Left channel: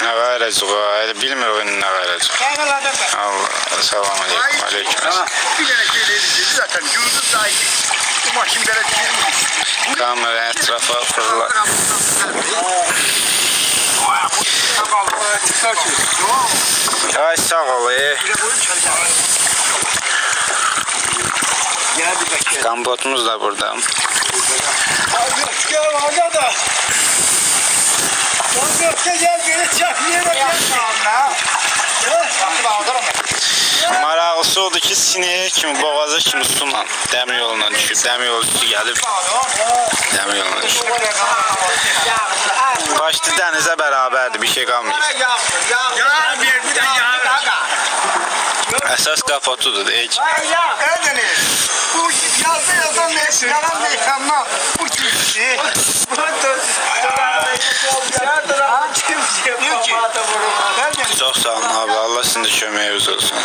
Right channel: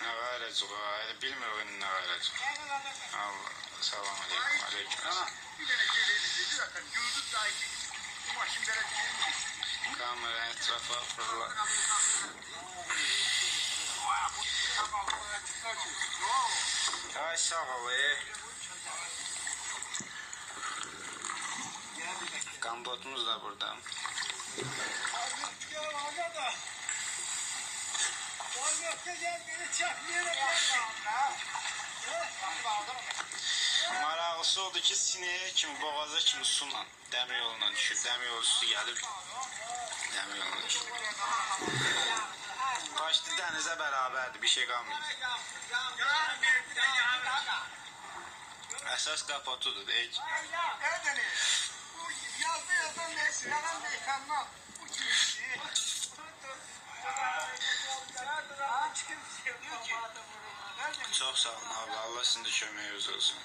Nə qayıracaq o? Bilmir o nə qayıracaq. Allah, salam aleyküm, aleyküm. Bir tane şey dedi zaten yurdu sahibi. Bu maşinlere girmiş. Kamera etrafa fırlar. Ay sağ ol. Kambotumuz da burada. Maraqlısı odur ki sineye kimi, boğaza kimi sunan dəmir yoluna düşür. Dəmir yolu üstü gəlib dəmir yoluna düşür. Başlı dənizə bərabərdir, bir şey qalmayıb. Əsas kapotudur, heç. Bu yazan yalan mekanlar. Bu kimsi? Çox sağ olun abi, Allah sizin də köməyiniz olsun.